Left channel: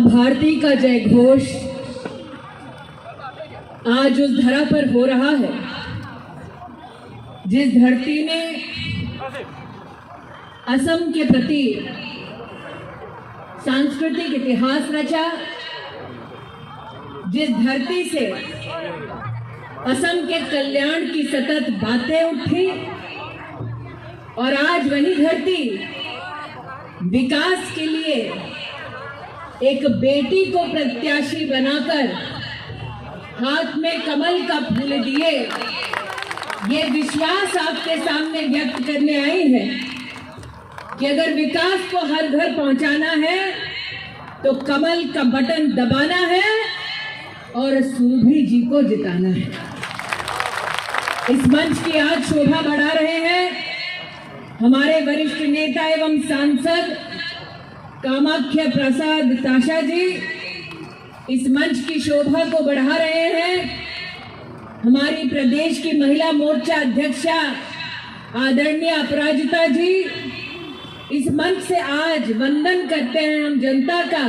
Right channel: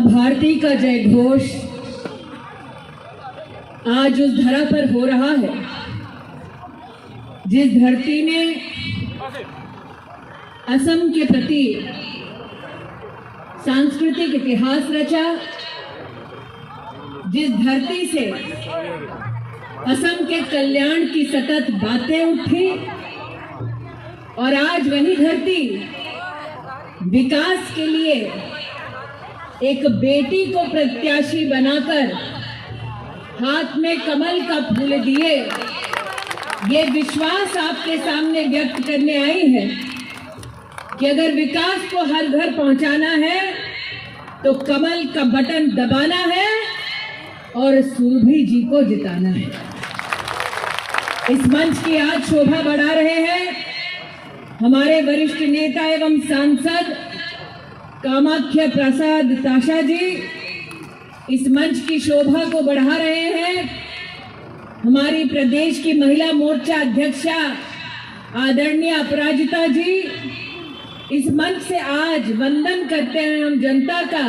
माँ भारती का जय घोष आज उस धरा पर हो रहा है जिस धरती ने असम के प्रति सांस्कृतिक इतिहास रचा, जिस धरती से असम के कल्याण की सतत बातें उठी और आज वही धरती विकास के लिए एक बेटी को प्रत्याशी बनाकर हाथ में कमल का फूल दिए, ये विश्वास आपके सामने व्यक्त करने आई है कि अगर विकास को हर घर पहुंचाना है तो कमल का बटन दबाना है और सुरभि जी को जिताना है। इस मंच की आज शोभा बढ़ा रहे हैं हमारे वरिष्ठ नेता एवं सांसद कामाख्या प्रसाद ताशा जी। इस मंच की शोभा को बढ़ा रहे हैं हमारी प्रदेश की महिला मोर्चा अध्यक्षा आदरणीय अपराजिता जी। इस मंच से आज वंदन करते हैं हम जनता का,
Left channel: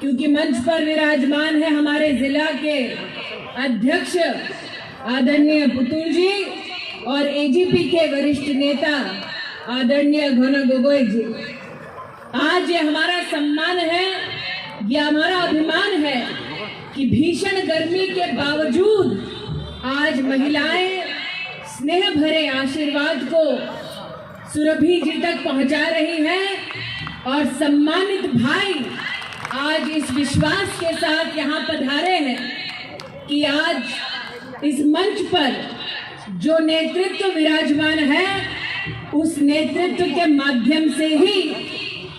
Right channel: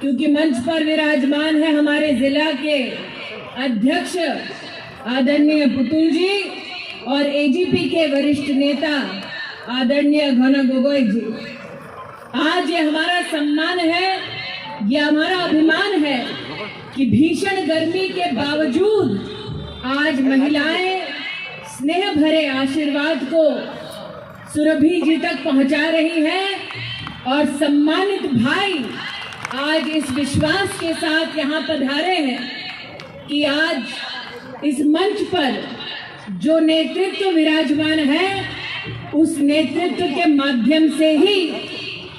क्योंकि मंच पर विराजमान है हमारे जिला के अध्यक्ष आदरणीय पुतुल जी और एजीपी के वरिष्ठ नेता आदरणीय घना गोगोई जी। आज ये हमारा सम्मान है, ये हमारा अभिमान है कि भीषण गर्मी के बावजूद आज महिलाएं स्नेह भरे आशीर्वाद को सुरभि जी तक पहुंचा रही हैं और सम्मानित भाई आज इस विश्वास के साथ यहाँ पधारे हैं कि आज इस मंच पर जो नेतृत्व विराजमान है उस नेतृत्व के माध्यम से ही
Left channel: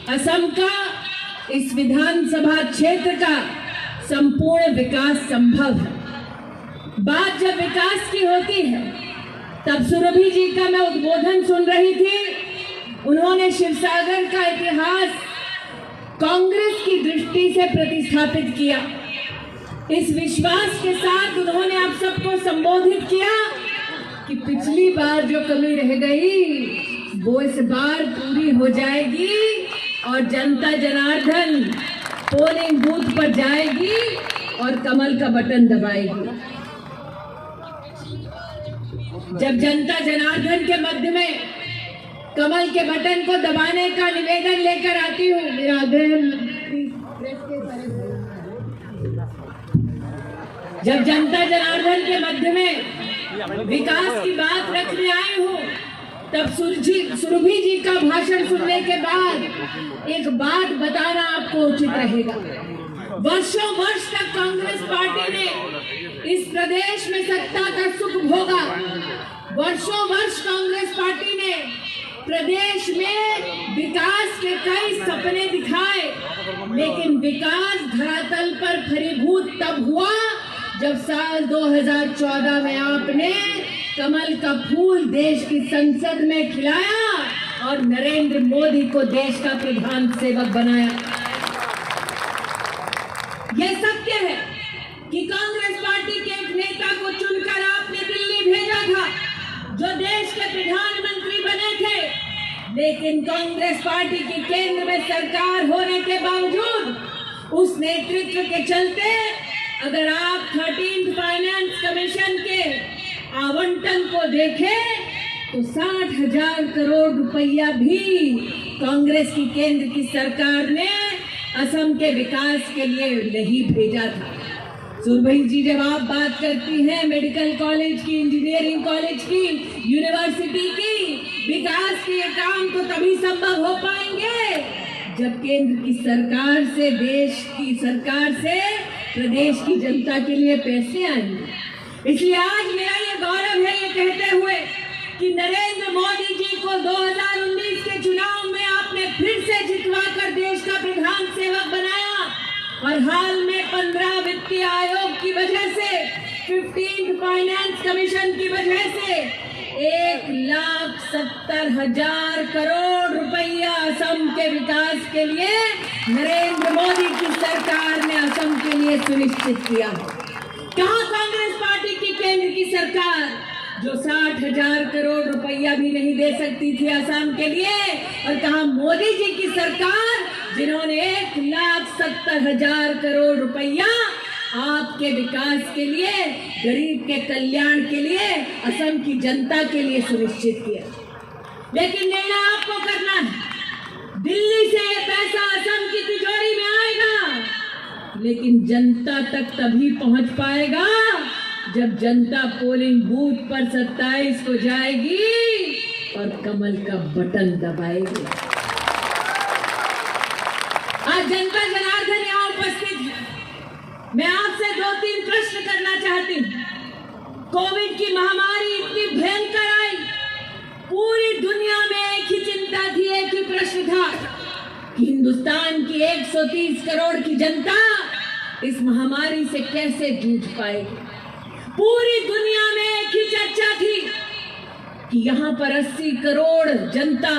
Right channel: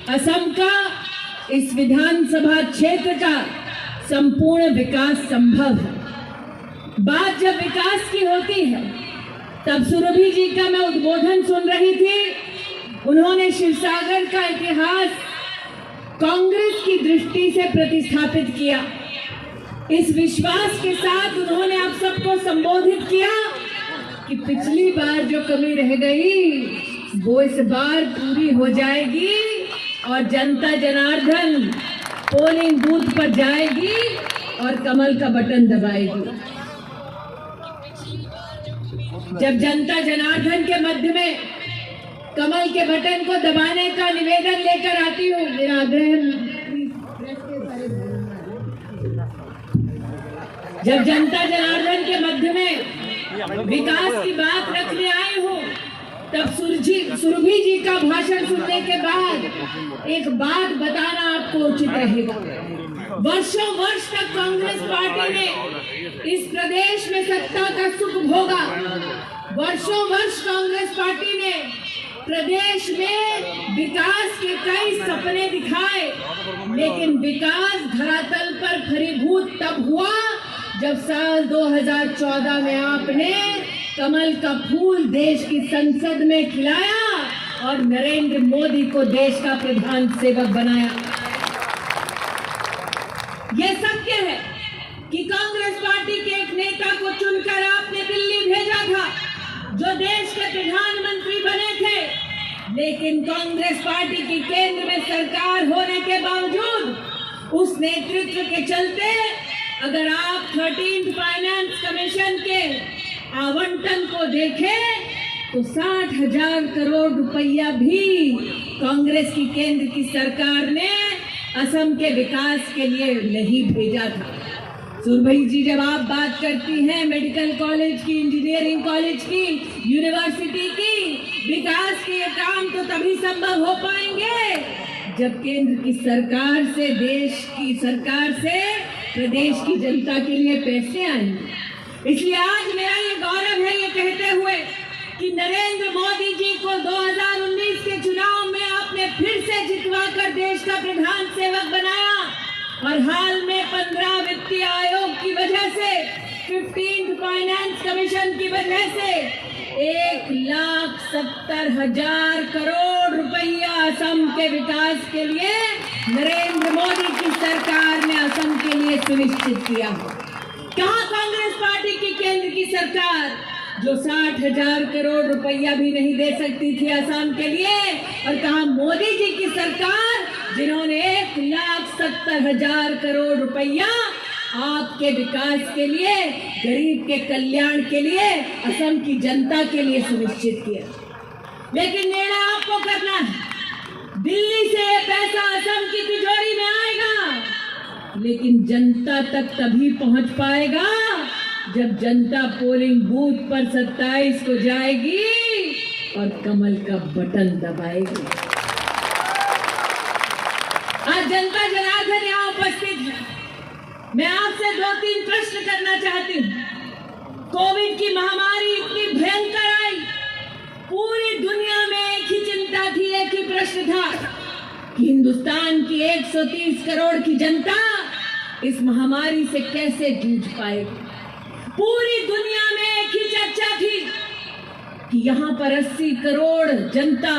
असम का, इस विधानसभा क्षेत्र का संपूर्ण विकास संभव है। बात जब विकास की होती है तब सुरभि जी का मैं उद्बोधन सुन रही थी। उन्होंने शिवसागर का इतिहास कांग्रेस की दृष्टि से प्रतिस्थापित किया। इस विश्वास के साथ उन्होंने आप सबको संबोधित किया कि पिछली बार जो कमी रह गई वो इस बार पूरी हो जाएगी और जनता जनार्दन पोलिंग बूथ पर जाएगी और कमल का बटन दबाएगी। जब जनता जनार्दन के मध्य में कमल के बटन को दबाने का निवेदन लेकर आती हूँ, मेरा आग्रह, जब जनता जनार्दन के मध्य में विकास की बात रखने आई हूँ तब सुरभि जी का भाषण सुनने के बाद एक बात बताना आपको उचित रहेगा। वर्षों वर्ष तक कांग्रेस पार्टी ने इस प्रदेश में सत्ता का सुख भोगा। वर्षों वर्ष कांग्रेस पार्टी ने प्रदेश में विकास के कई सपने दिखाए, लेकिन विकास धरातल पर फलीभूत तब हुआ जब साल 2014 में आपने कमल का फूल देश की संसद में खिलाया और नरेंद्र मोदी को देश का प्रधान सेवक बनाया। यह सत्य है कि कांग्रेस पार्टी के एक नेता को चुनकर आपने दिल्ली भेजा था जो देश के प्रधानमंत्री बने थे, लेकिन कांग्रेस पार्टी की केंद्र में सरकार होने के बावजूद उस नेतृत्व के चलते अगर आप 13th फाइनेंस कमीशन के आवंटन को देखें तो 60,000 करोड़ रुपया भी कांग्रेस की केंद्र की सरकार ने असम के विकास के लिए नहीं भेजा था। सुरभि जी, जब आप बात करती हैं मेडिकल कॉलेज की, इंजीनियरिंग कॉलेज की, यूनिवर्सिटी की, विकास के काम तो तभी संभव हो पाएंगे जब केंद्र की सरकार से, देश की सरकार से प्रदेश की जनता के लिए पैसे आएंगे। इसलिए आज मेरा ये गौरव है ये कहते हुए कि नरेंद्र मोदी जी को 2019 के चुनाव में आपने फिर से जितवाकर देश का प्रधान सेवक बनाया और हाल में 15 वित्तीय आयोग की वजह से, 15th फाइनेंस कमीशन की वजह से 1,70,000 करोड़ रुपया असम के विकास के लिए नरेंद्र मोदी की सरकार ने असम के लिए सुनिश्चित किया। कहाँ कांग्रेस पार्टी की केंद्र की सरकार जो 60,000 करोड़ रुपया भी नहीं दे सकती थी असम के लिए, और कहाँ मोदी जी की सरकार जिन्होंने 1,70,000 करोड़ रुपया आपके विकास के लिए, गरीब के कल्याण के लिए, असम की जनता के लिए सुनिश्चित किया। लेकिन निर्णय आपको करना है। दिल्ली से ये पैसा असम की तिजोरी में आएगा, लेकिन जनता तक तभी पहुंच पाएगा जब जनता पोलिंग बूथ पर 27 को जाएगी और कमल का बटन दबाएगी। आज जनता जनार्दन यहाँ उपस्थित है। मैं आपसे 2-3 प्रश्न करना चाहती हूँ। कोविड की महामारी इतनी भयंकर आई, पूरी दुनिया में एक ही चिंता थी, एक ही प्रश्न था कि हिंदुस्तान की 130 करोड़ की जनता इस महामारी से कैसे जूझ पाएगी। पूरी दुनिया में एक ही चर्चा थी कि यहाँ पर 80 करोड़ जनता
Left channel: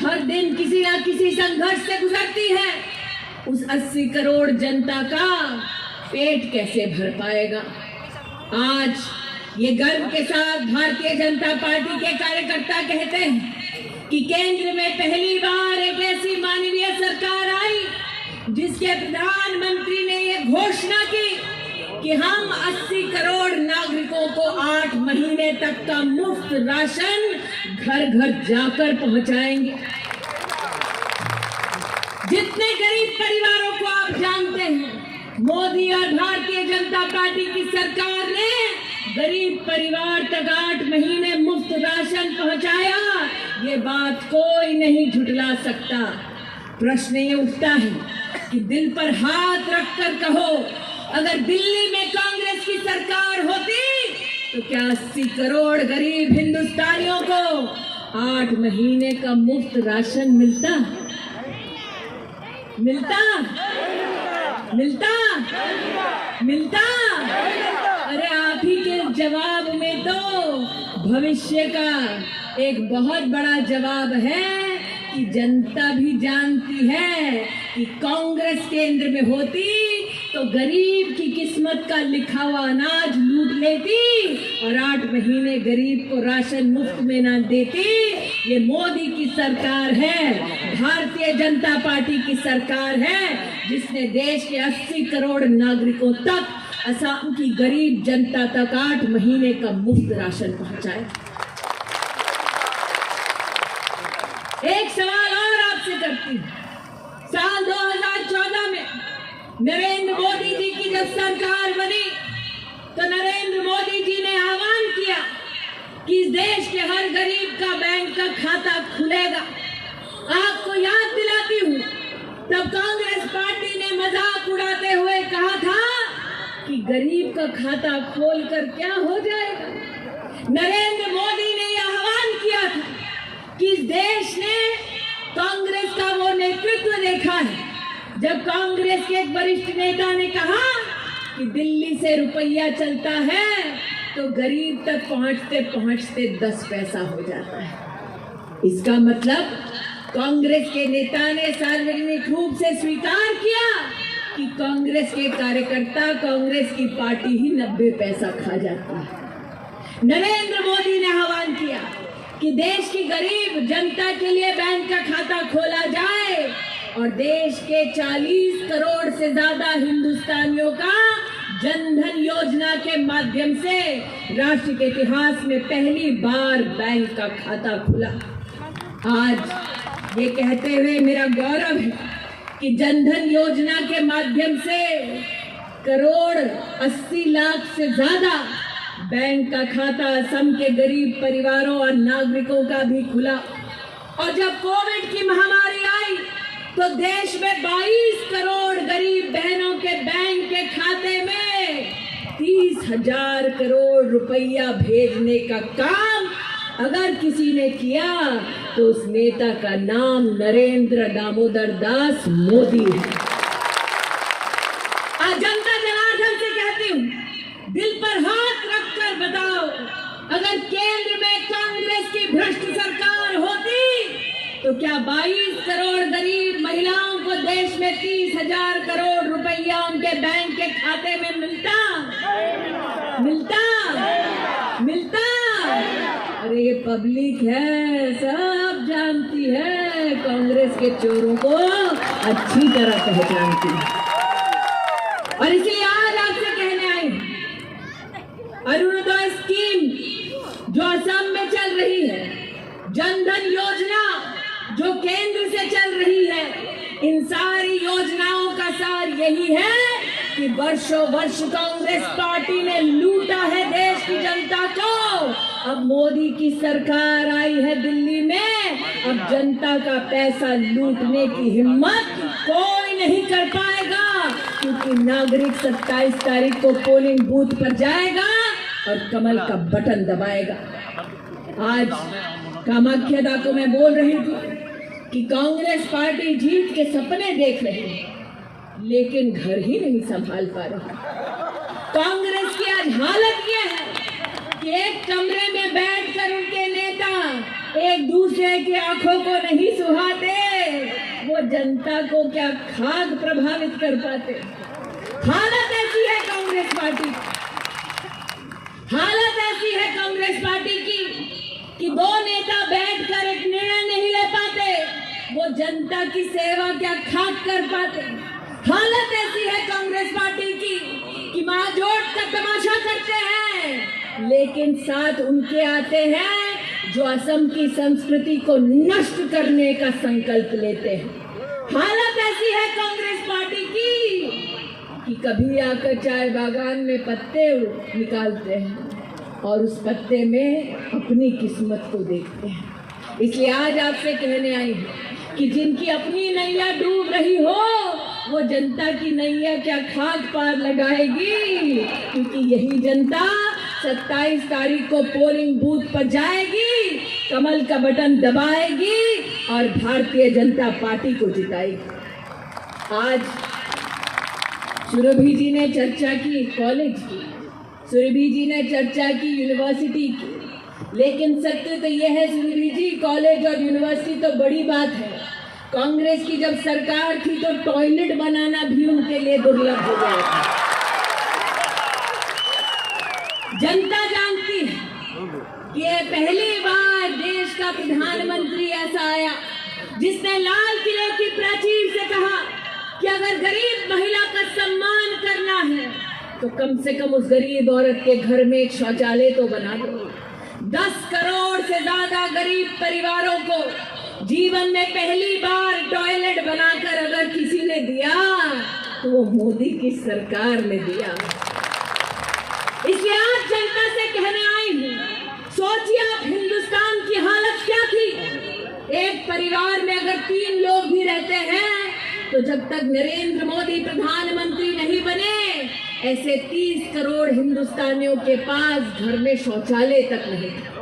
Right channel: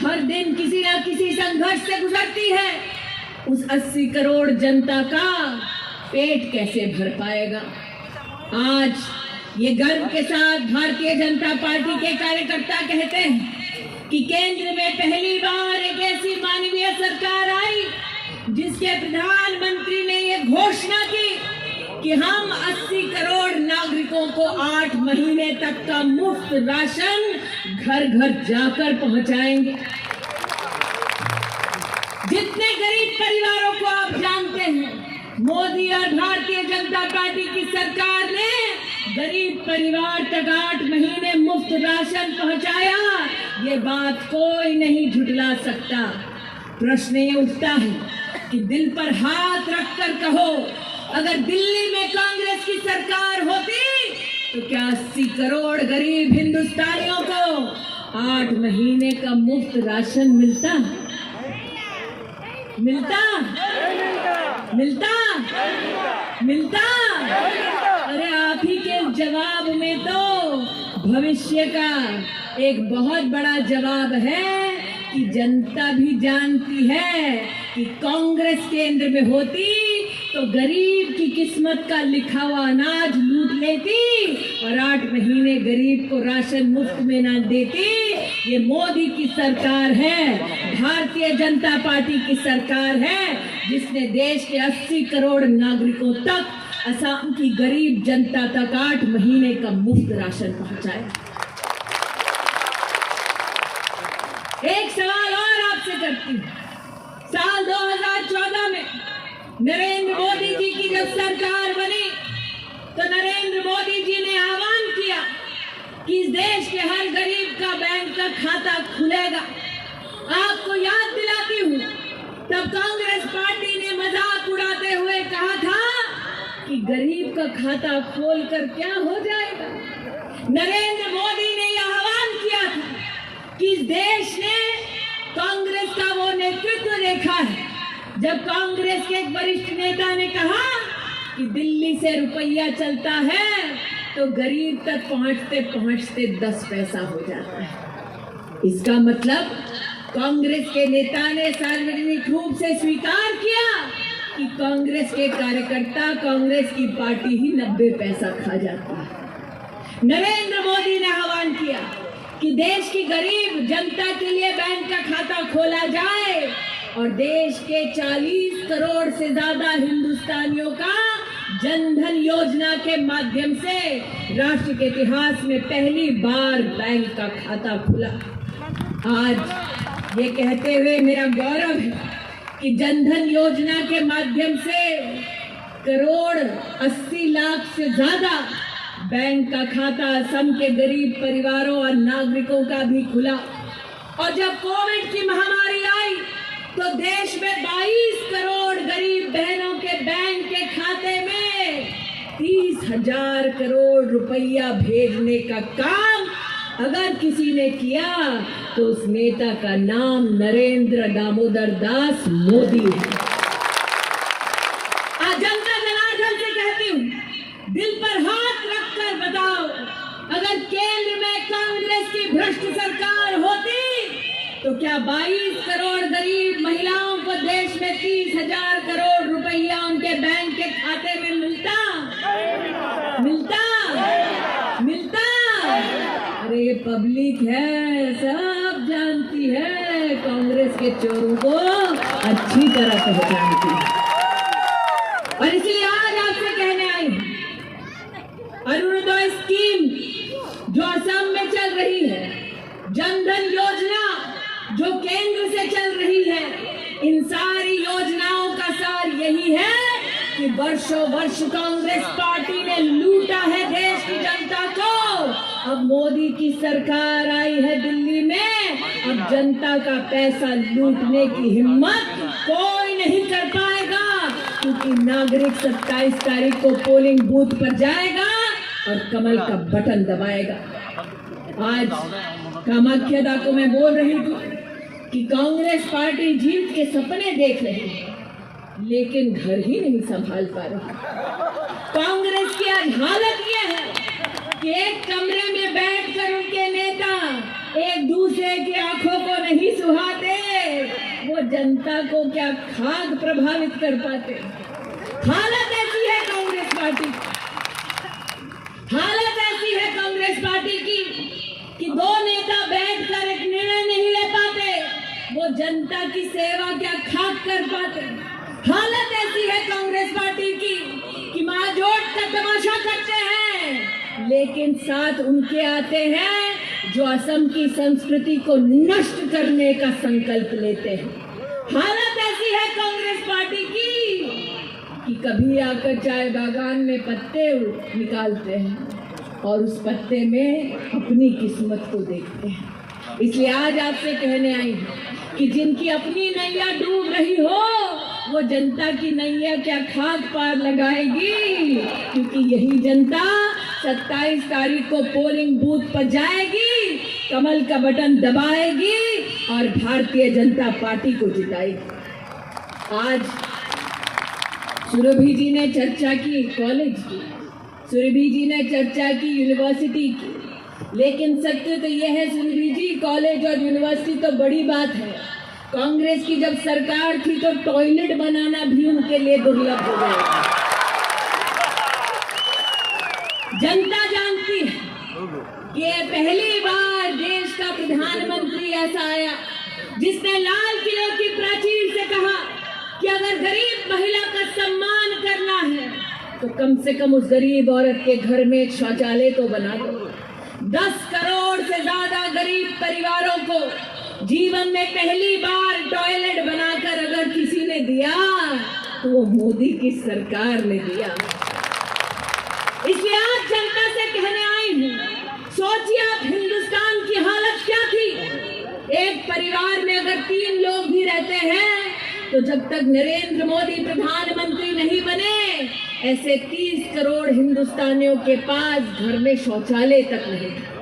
हर दिन किसी न किसी संघर्ष से गुजरती है। उस 80 करोड़ जनता का पेट कैसे भर पाएगा। आज ये गर्व के साथ भारतीय जनता पार्टी के कार्यकर्ता कहते हैं कि केंद्र में पहली बार एक ऐसी मानवीय सरकार आई जिसके प्रधानमंत्री ने ये घोषणा की कि हम 80 करोड़ नागरिकों को 8 महीने तक का मुफ्त राशन घर घर जाकर पहुंचाएंगे। जितने गरीब परिवारों को आप जानते हैं, मोदी और भारतीय जनता पार्टी की सरकार ने गरीब परिवार तक 8 महीने मुफ्त राशन पहुंचाया। ये बात कोई नहीं झुठला सकता। प्रश्न ये उठता है कि दिल पर हाथ रखकर कहो, अगर दिल्ली में कांग्रेस की सरकार होती तो क्या 80 करोड़ गरीब हिंदुस्तानियों को 8 महीने का मुफ्त राशन मिलता? मिलता? मिलता? मिलता? अरे आप ही के जवाब में तो भविष्य का एक बहुत बड़ा जवाब है कि जनता भी जानती है कि कांग्रेस केंद्र में होती तो गरीब की किस्मत का लिखा हुआ अनाज लूट लेती और 8 महीने गरीब को राशन मुफ्त में ना देती। ये मोदी की सरकार है, भारतीय जनता पार्टी की सरकार है, जिसने देश के 80 करोड़ नागरिकों तक, असम की गरीब जनता तक 8 महीने का मुफ्त राशन पहुंचाया। एक सवाल और आपसे करती हूं। साल 2014 में नरेंद्र मोदी जी की जब सरकार बनी तो नरेंद्र मोदी जी ने आह्वान किया कि इस देश के हर गरीब का बैंक का खाता खुलेगा। आपको याद दिलाती हूँ, तब कांग्रेस पार्टी ने मजाक उड़ाते हुए कहा था कि गरीब का खाता खोलकर क्या हो जाएगा। नरेंद्र मोदी ने यह आह्वान किया था कि इस देश ने कांग्रेस का वो नेतृत्व देखा है जब कांग्रेस के एक वरिष्ठ नेता ने कहा कि दिल्ली से रुपया चलता है तो गरीब तक पहुंचते पहुंचते 10 पैसा हो जाता है। इसका मतलब कांग्रेस के नेता ने सार्वजनिक रूप से स्वीकार किया कि कांग्रेस के कार्यकर्ता, कांग्रेस की पार्टी ही 90 पैसा खा जाती है। नरेंद्र मोदी ने आह्वान किया कि देश की गरीब जनता के लिए बैंक का खाता खोला जाए और देश के 40 करोड़ से ज्यादा हिंदुस्तानियों का जनधन योजना के माध्यम से राष्ट्र के इतिहास में पहली बार बैंक का खाता खुला। आज ये कहते हुए मेरा गौरव है कि जनधन योजना के माध्यम से 1,80,00,000 से ज्यादा बैंक का खाता असम के गरीब परिवारों और नागरिकों का भी खुला। और जब कोविड की महामारी आई तो देश में 22 करोड़ गरीब बहनों के बैंक के खाते में 30,000 करोड़ रुपया भेजने का काम अगर किसी ने किया तो उस नेता का नाम नरेंद्र दामोदर दास मोदी है। आज जनता जनार्दन से कहती हूँ, दिल पर हाथ रखकर बताओ, अगर केंद्र में कांग्रेस की भ्रष्ट सरकार होती तो क्या 22 करोड़ गरीब महिलाओं को देश में 30,000 करोड़ रुपया उनके बैंक के खाते में मिलता? मिलता? मिलता? अरे ये पब्लिक है, सब जानती है कांग्रेस के चोरों को अच्छी तरह पहचानती है। और इसलिए आज आपसे कहने आई हूं, अरुणोदय स्कीम जो असम में चल रही है, जनधन योजना जो केंद्र से चल रही है, इन सारी योजनाओं का सार यही है कि वर्षों वर्ष कांग्रेस पार्टी ने लूटा है देश की जनता को। अब मोदी की सरकार आई है दिल्ली में, अब जनता का पैसा लूटने की हिम्मत कोई नहीं कर पाएगा, क्योंकि नागरिक 27 तारीख को पोलिंग बूथ पर जाएगा और कमल का बटन दबाएगा। आज कामाख्या को मैं बोल रही थी कि कांग्रेस पार्टी जीत के सपने देख रही है, लेकिन घर ही नहीं संभाल पा रही। कांग्रेस की आज हालत यह है कि एक कमरे में बैठकर उनके नेता एक दूसरे की आंखों को नहीं सुहाते, वो जनता को क्या खाक प्रभावित कर पाते। हालत ऐसी है कांग्रेस पार्टी, हालत ऐसी है कांग्रेस पार्टी की कि दो नेता बैठकर एक निर्णय नहीं ले पाते, वो जनता की सेवा क्या खाक कर पाते। हालत ऐसी है कांग्रेस पार्टी की कि मारजोड़ का तमाशा करते हैं, लेकिन साथ उनके आते हैं जो असम की संस्कृति को नष्ट करने का संकल्प लेते हैं। हालत ऐसी है कांग्रेस पार्टी की कि कभी आकर चाय बागान में पत्ते निकालते हैं और उस पत्ते में अपनी किस्मत को देखते हैं। इसलिए आज आपसे कहने आई हूं कि जिनकी अपनी नैया डूब रही हो, वो जनता की नैया क्या खाक पार लगाएगी, क्योंकि यही जनता 27 तारीख को पोलिंग बूथ पर जाएगी, कमल का बटन दबाएगी और भारतीय जनता पार्टी को जिताएगी। आज सुरभि जी ने चर्चा की कॉलेज की, सुरभि जी ने चर्चा की यूनिवर्सिटी की, लेकिन सत्य तो यह है सुरभि जी, कॉलेज और यूनिवर्सिटी तो बड़ी बात है। कांग्रेस की जब सरकार थी तो टॉयलेट बनाना भी उनके लिए दुर्लभ हो गया। जनता जानती है कि पहली बार देश का प्रधानमंत्री ऐसा आया जिसने लाल किले की प्राचीर से कहा कि अगर गरीब महिला का सम्मान करना है तो कम से कम उस गरीब औरत के घर में एक शौचालय तो बना दो। 10 करोड़ से ज्यादा गरीब परिवारों को जीवन में पहली बार टॉयलेट बनाकर अगर किसी ने दिया तो वो मोदी की सरकार ने दिया। इसलिए आज जनता से कहने आई हूं, सोचिए आप हिंदुस्तान की हालत क्या थी। एक परिवार में अगर 3 लोग भी रहते हैं तो जब तक नरेंद्र मोदी प्रधानमंत्री नहीं बने, ऐसे 30 करोड़ हिंदुस्तानियों के पास घर में शौचालय तक नहीं था।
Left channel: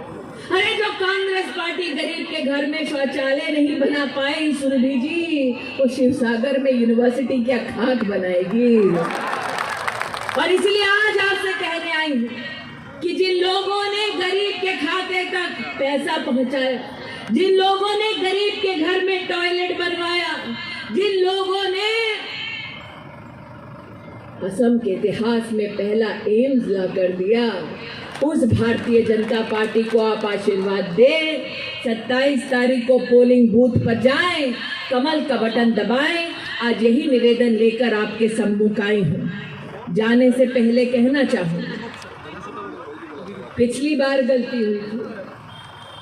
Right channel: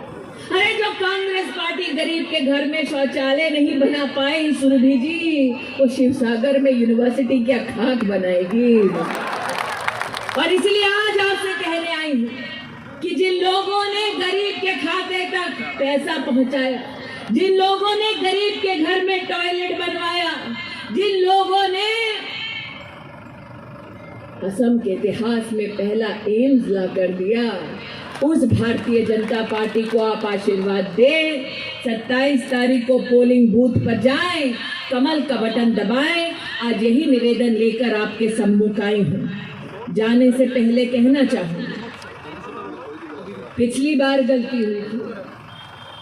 अरे जो कांग्रेस पार्टी गरीब के घर में शौचालय नहीं बना पाई सुरभि जी, तो शिवसागर में यूनिवर्सिटी क्या खाक बनाएगी। और इसलिए आज आपसे कहने आई हूं कि जिन लोगों ने गरीब के खाते तक पैसा पहुंचाया, जिन लोगों ने गरीब के घर में टॉयलेट बनवाया, जिन लोगों ने असम के इतिहास में पहला एम्स ला कर दिया, उस भारतीय जनता पार्टी को आप आशीर्वाद दें। 27 तारीख को पोलिंग बूथ पर जाएं, कमल का बटन दबाएं। आज यही निवेदन लेकर आपके सम्मुख आई हूं। जाने से पहले कहना चाहूंगी, पिछली बार गलती हुई थी,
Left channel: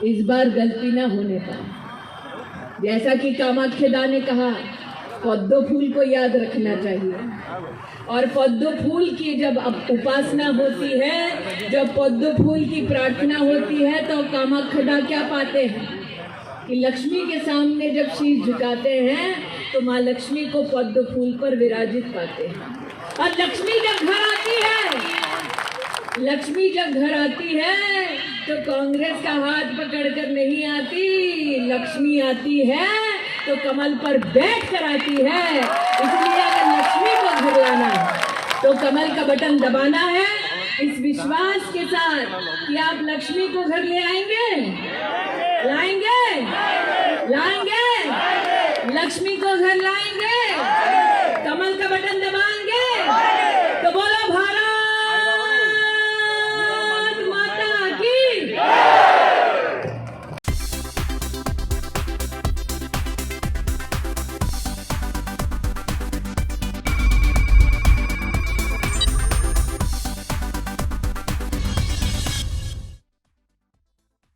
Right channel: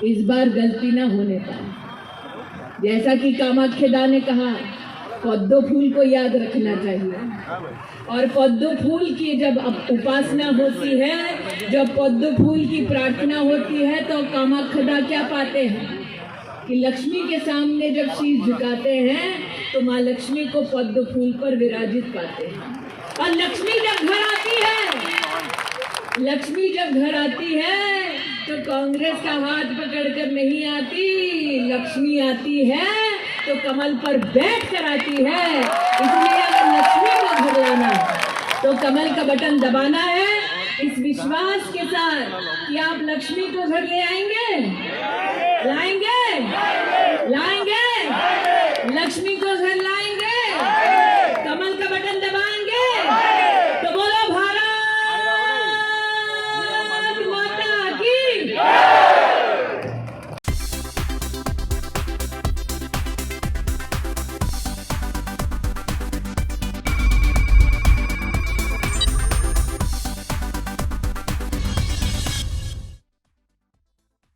इस बार गलती ना होने पाए। जैसा कि कामाख्या ने कहा, पद्म फूल को याद रखना चाहिए। और पद्म फूल की जब उपासना होती है, जब पद्म फूल की प्रार्थना होती है, तो कामाख्या क्या पाते हैं कि लक्ष्मी के सामने जब शीश झुकाते हैं तो माँ लक्ष्मी को पद्म फूल पर विराजित पाते हैं। और लक्ष्मी जब घर आती है, लक्ष्मी जब घर आती है तो कांग्रेस का हाथ पकड़कर नहीं आती, लक्ष्मी आती है तो कमल पर बैठ कर आती है। इसलिए अगर लक्ष्मी को घर लाना है तो कमल का बटन दबाना है, इस विश्वास के साथ कि आप लक्ष्मी को घर ले आएंगे, लाएंगे, लाएंगे। लक्ष्मी को